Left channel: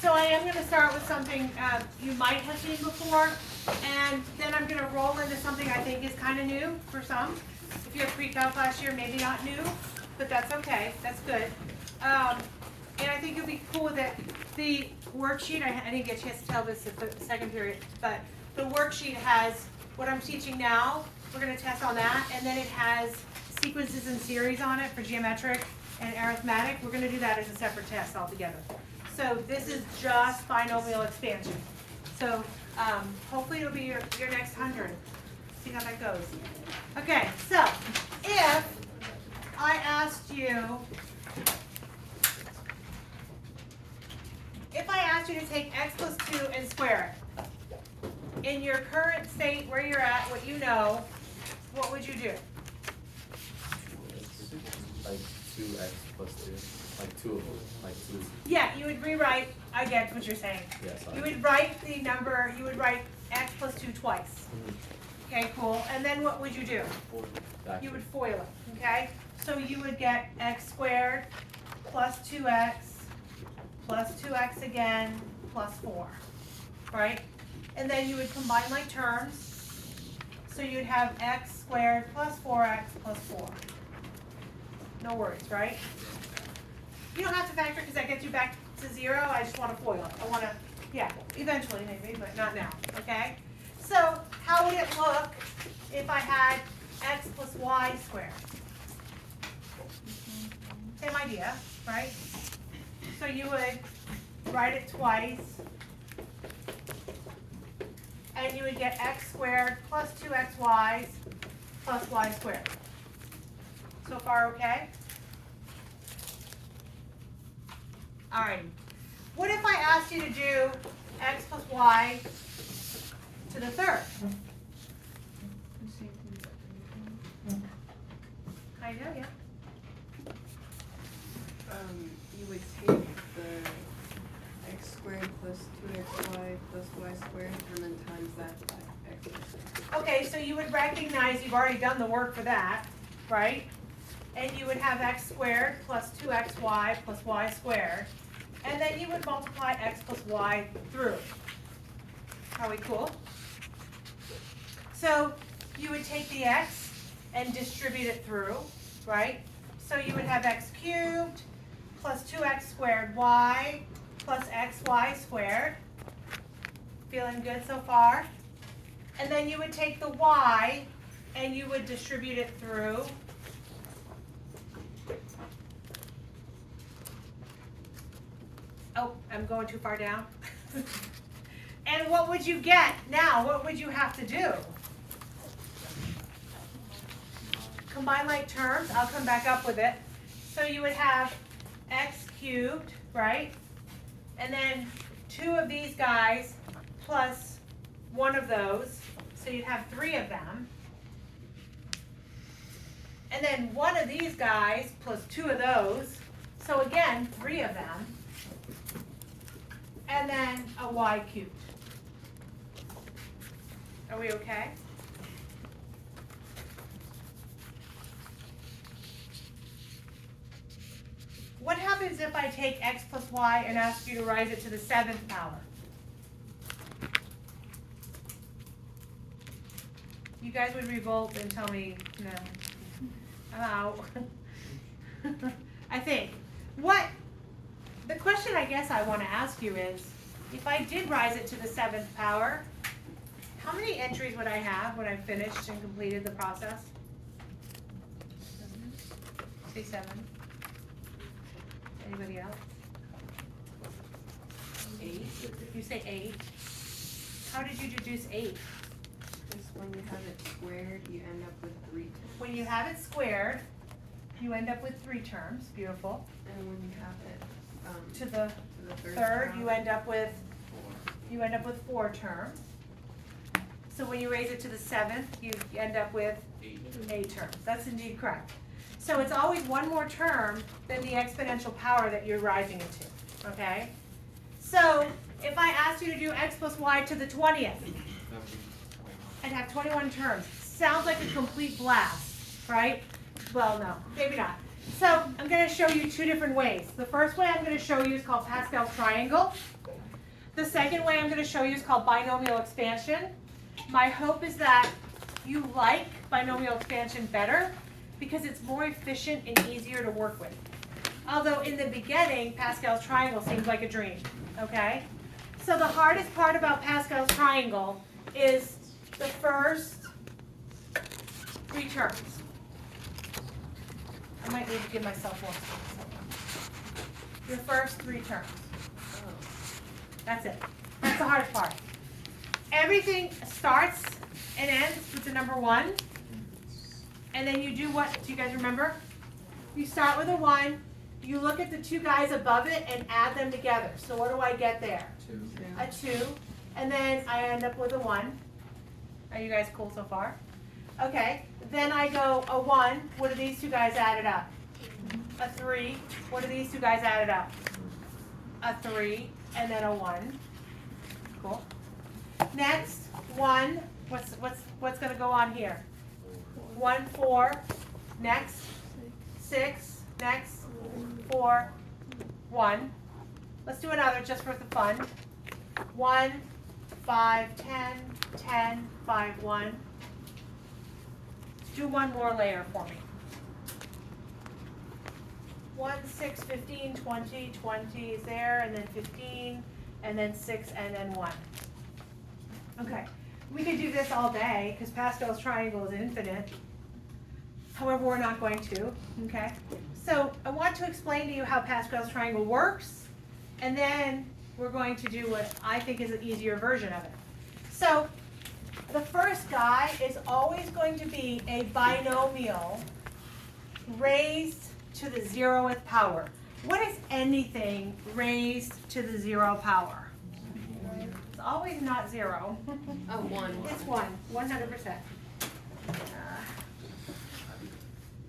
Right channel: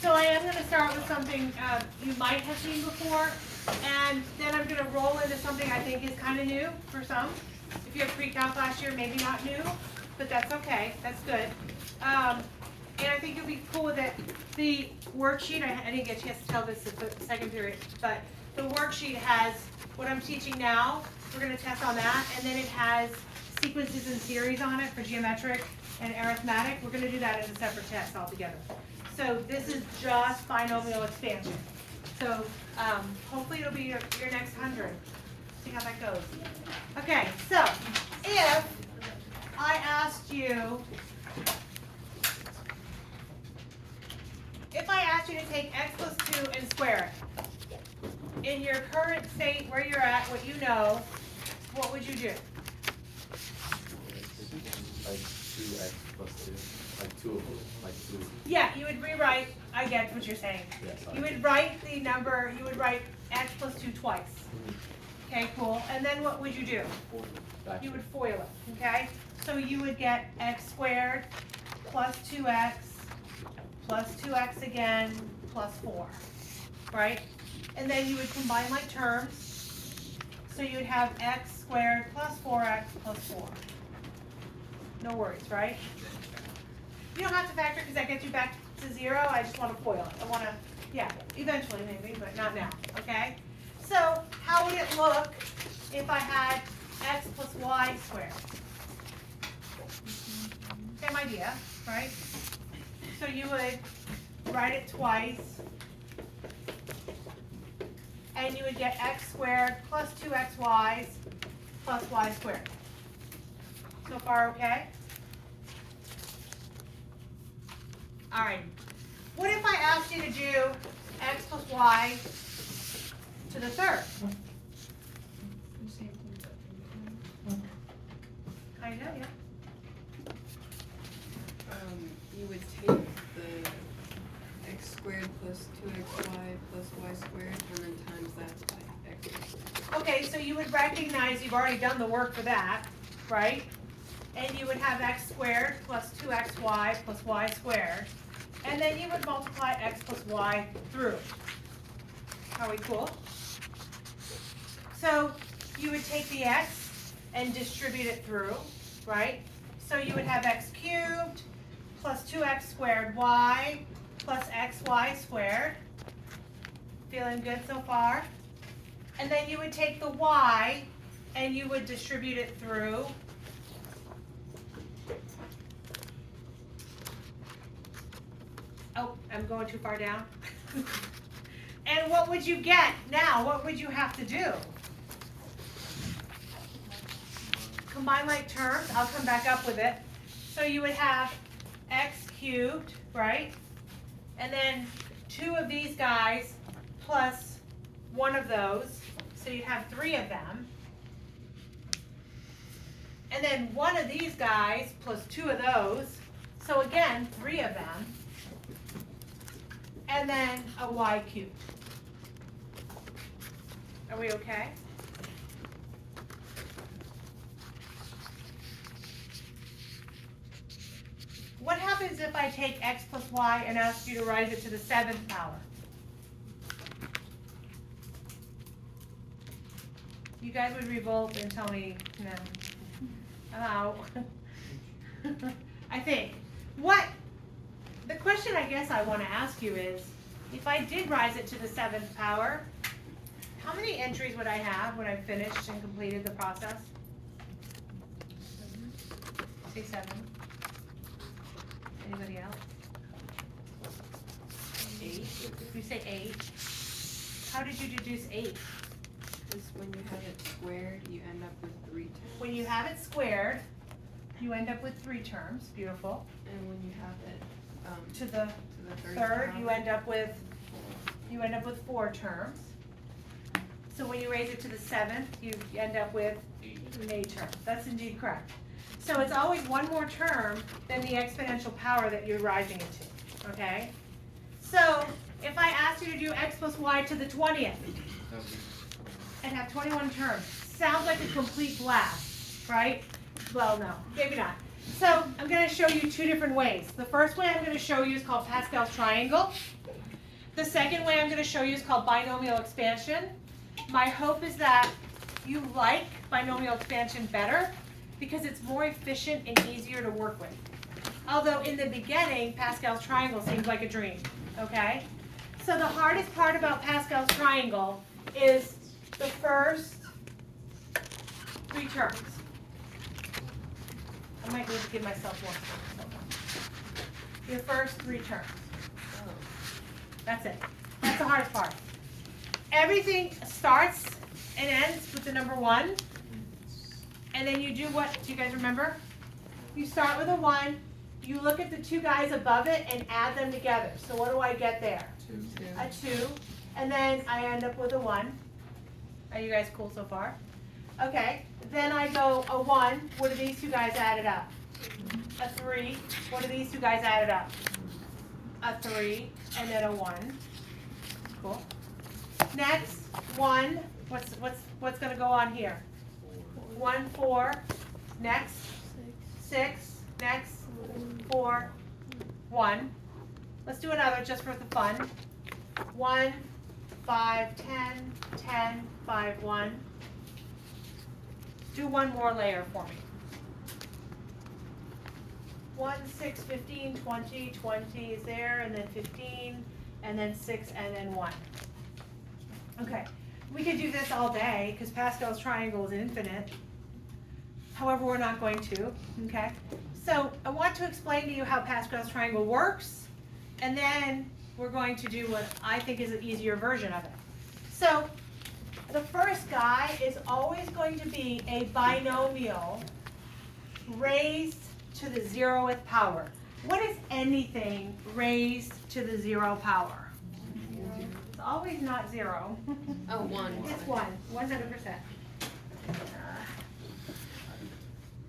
So I am going to start with something you might have seen before, and then I'm going to roll into something I think is kind of new for some. If you have pre-calc last year, maybe not new, but that's okay. That's good. And I think you'll be cool with it. The worksheet, I didn't get a chance to tell this at the second period, but the worksheet has what I'm teaching now. We're going to test on that, and then it has sequences and series on it for geometric and arithmetic. We're going to do that as a separate test altogether. So this is just binomial expansion. So hopefully it'll be your next 100. See how that goes. Okay, so if I asked you, to take x plus 2 and square it, in your current state where you're at, what you know, what would you do? Like 2x plus 2. Like 2 of them. Like 2. Yeah, you would rewrite, I get what you're saying. Yes. You would write the number, you would write x plus 2 twice. Okay, cool. And then what would you do? You would FOIL it, okay? So you would get x squared plus 2x plus 2x again plus 4, right? And then you would combine like terms. So you would have x squared plus 4x plus 4. No worries, right? You don't have to factor because that gets you back to 0. I just want to FOIL. I want to, yeah, eventually maybe, but not now, okay? So how would it look if I had x plus y squared? Same idea, right? So you would write it twice, and you would get x squared plus 2xy plus y squared. So far, okay? All right. What if I asked you to do x plus y to the third? I know, yeah. You would take the x squared plus 2xy plus y squared and then times that by x. Okay, so you would recognize you've already done the work for that, right? And you would have x squared plus 2xy plus y squared. And then you would multiply x plus y through. Are we cool? So you would take the x and distribute it through, right? So you would have x cubed plus 2x squared y plus xy squared. Feeling good so far? And then you would take the y and you would distribute it through. Oh, I'm going too far down. And what would you get now? What would you have to do? Combine like terms. I'll come back up with it. So you would have x cubed, right? And then 2 of these guys plus 1 of those. So you'd have 3 of them. And then 1 of these guys plus 2 of those. So again, 3 of them. And then a y cubed. Are we okay? What happens if I take x plus y and ask you to raise it to the 7th power? You guys would revolt and tell me, no, I'm out. I think. The question I guess I want to ask you is, if I did rise it to the 7th power, how many entries would I have when I finished and completed the process? Say 7. Anybody else? 8. You say 8. How did you deduce 8? Because when you have it squared, you end up with 3 terms. When you have it squared, you end up with 3 terms. Beautiful. And when you have it To the third, you end up with 4 terms. So when you raise it to the 7th, you end up with 8 terms. That's indeed correct. So it's always one more term than the exponential power that you're rising it to, okay? So if I asked you to do x plus y to the 20th, and have 21 terms, sounds like a complete blast, right? Well, no, maybe not. So I'm going to show you 2 different ways. The first way I'm going to show you is called Pascal's triangle. The second way I'm going to show you is called binomial expansion. My hope is that you like binomial expansion better because it's more efficient and easier to work with. Although in the beginning, Pascal's triangle seems like a dream, okay? So the hardest part about Pascal's triangle is the first 3 terms. I might need to give myself more space. Your first 3 terms. That's it. That's the hardest part. Everything starts and ends with the number 1. And then you do what? Do you guys remember? You start with a 1. You look at the 2 guys above it and add them together. So what do I get there? 2. A 2. And then I end up with a 1. Are you guys cool so far? Okay. Then I go a 1. What do these 2 guys added up? A 3. What do these 2 guys added up? A 3. And then a 1. Cool. Next, 1. What's going to go on here? 1, 4. Next, 6. Next, 4, 1. Let's do another just for the fun. 1, 5, 10, 10, 5, 1. Do one more layer for me. 1, 6, 15, 20, 20 is there, and then 15, and then 6, and then 1. Okay, we could do this all day because Pascal's triangle is infinite. However, we're not going to, okay? So I want to explain to you how Pascal's triangle works, and then we're going to do what I think is an easier version of it. So the first guy is always going to be a binomial raised to the 0th power. What is anything raised to the 0 power? It's always not 0. Oh, 1. It's 1, 100%.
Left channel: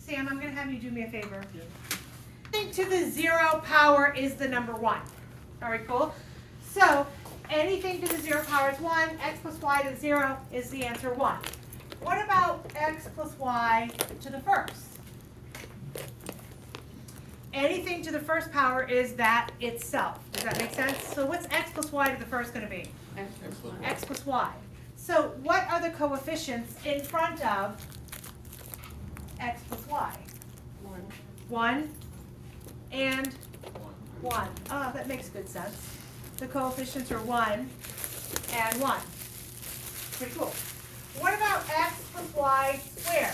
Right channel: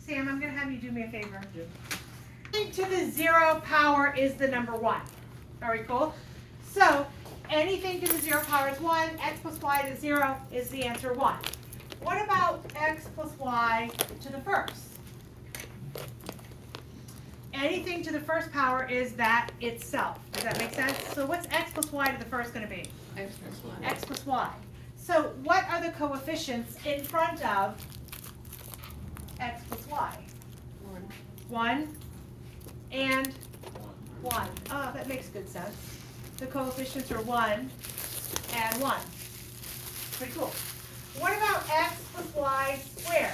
Sam, I'm going to have you do me a favor. Anything to the 0 power is the number 1. All right, cool? So anything to the 0 power is 1. X plus y to the 0 is the answer 1. What about x plus y to the first? Anything to the first power is that itself. Does that make sense? So what's x plus y to the first going to be? X plus y. X plus y. So what are the coefficients in front of x plus y? 1. 1 and 1. Oh, that makes good sense. The coefficients are 1 and 1. Pretty cool. What about x plus y squared?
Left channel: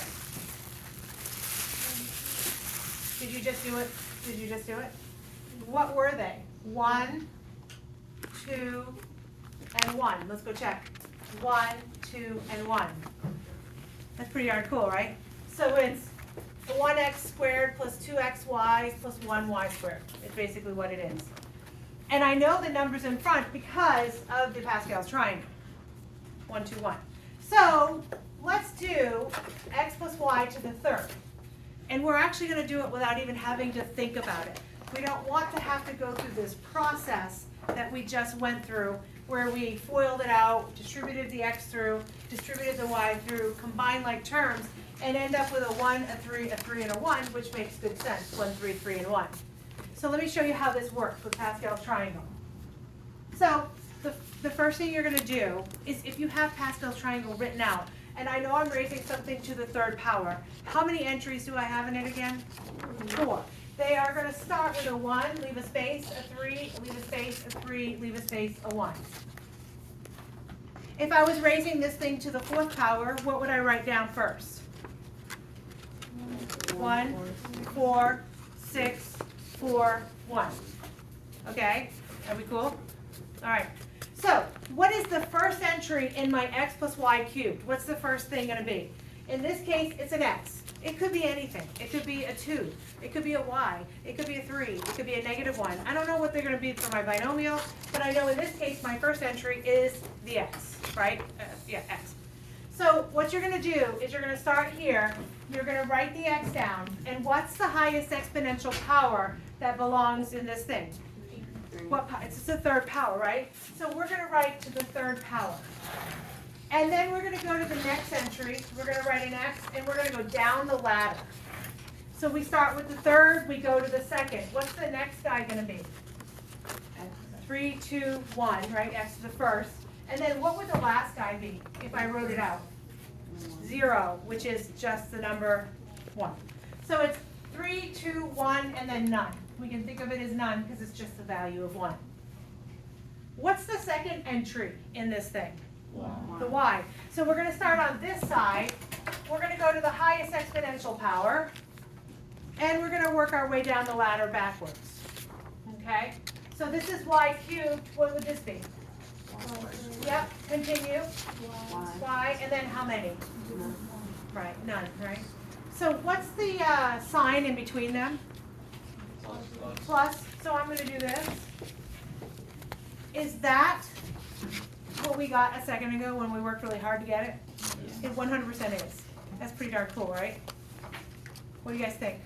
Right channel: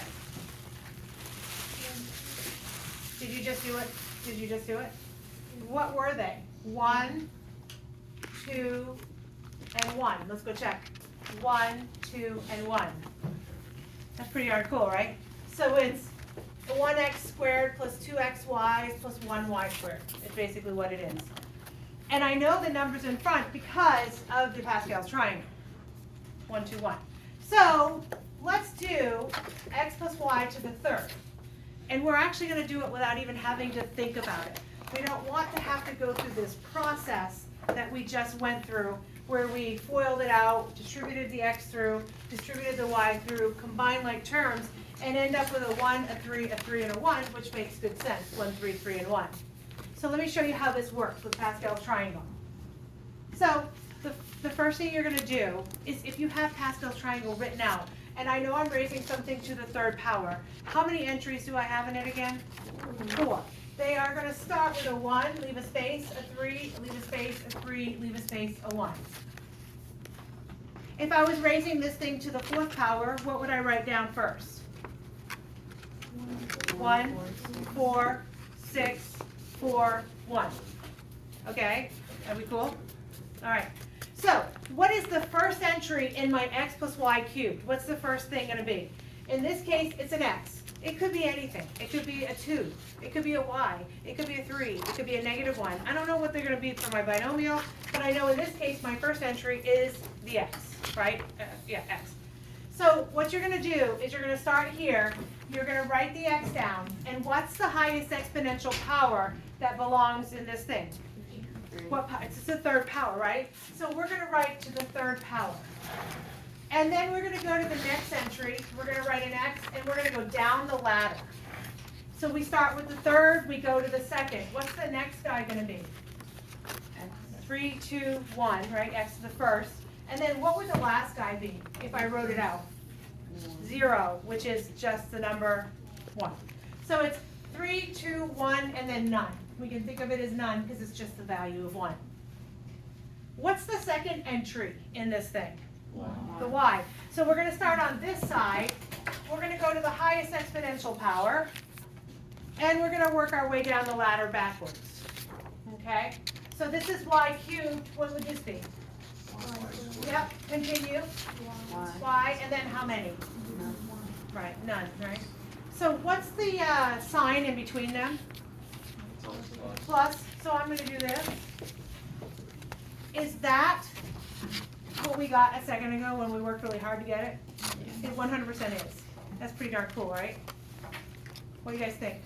Did you just do it? Did you just do it? What were they? 1, 2, and 1. Let's go check. 1, 2, and 1. That's pretty darn cool, right? So it's 1x squared plus 2xy plus 1y squared. It's basically what it is. And I know the numbers in front because of the Pascal's triangle. 1, 2, 1. So let's do x plus y to the third. And we're actually going to do it without even having to think about it. We don't want to have to go through this process that we just went through where we FOILed it out, distributed the x through, distributed the y through, combined like terms, and end up with a 1, a 3, and a 1, which makes good sense. 1, 3, 3, and 1. So let me show you how this works with Pascal's triangle. So the first thing you're going to do is if you have Pascal's triangle written out, and I know I'm raising something to the third power. How many entries do I have in it again? 4. They are going to start with a 1, leave a space, a 3, leave a space, a 3, leave a space, a 1. If I was raising this thing to the 4th power, what would I write down first? 1, 4, 6, 4, 1. Okay? Are we cool? All right. So, what is the first entry in my x plus y cubed? What's the first thing going to be? In this case, it's an x. It could be anything. It could be a 2. It could be a y. It could be a 3. It could be a -1. I don't know what they're going to be for my binomial, but I know in this case, my first entry is the x, right? X. So what you're going to do is you're going to start here. You're going to write the x down. And what's the highest exponential power that belongs in this thing? What power? It's the third power, right? So we're going to write to the third power. And then we're going to go to the next entry. We're going to write an x, and we're going to go down the ladder. So we start with the third, we go to the second. What's the next guy going to be? 3, 2, 1, right, x to the first. And then what would the last guy be if I wrote it out? 0, which is just the number 1. So it's 3, 2, 1, and then none. We can think of it as none because it's just the value of 1. What's the second entry in this thing? The y. So we're going to start on this side. We're going to go to the highest exponential power, and we're going to work our way down the ladder backwards. Okay? So this is y cubed. What would this be? Yep, continue. Y, and then how many? Right, none, right? So what's the sign in between them? Plus. So I'm going to do this. Is that what we got a second ago when we worked really hard to get it? It 100% is. That's pretty darn cool, right? What do you guys think?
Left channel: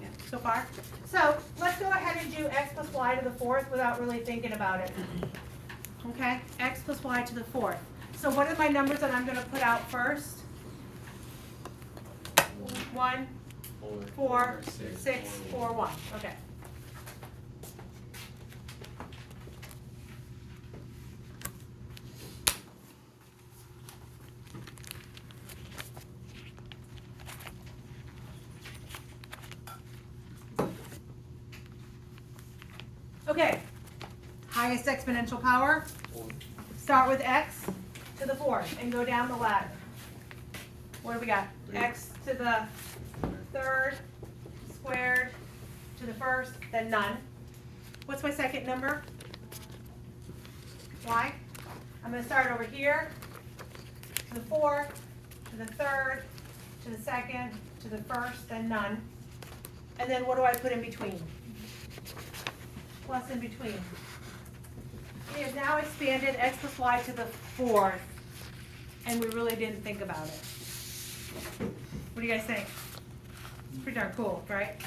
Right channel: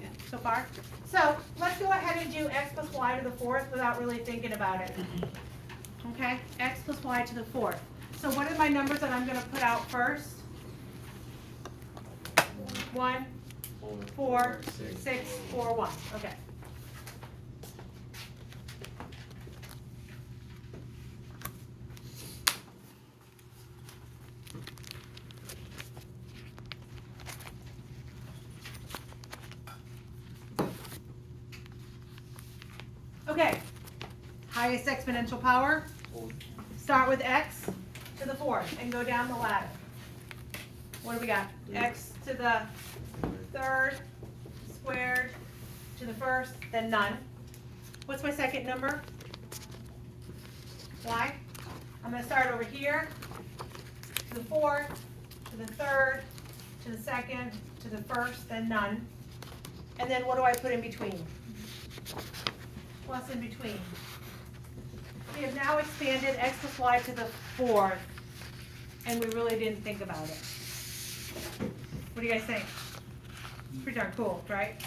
Yeah. So far? So let's go ahead and do x plus y to the fourth without really thinking about it. Okay? X plus y to the fourth. So what are my numbers that I'm going to put out first? 1, 4, 6, 4, 1. Okay. Okay, highest exponential power, start with x to the fourth and go down the ladder. What do we got? X to the third, squared, to the first, then none. What's my second number? Y. I'm going to start over here, to the fourth, to the third, to the second, to the first, then none. And then what do I put in between? Plus in between. We have now expanded x plus y to the fourth, and we really didn't think about it. What do you guys think? Pretty darn cool, right?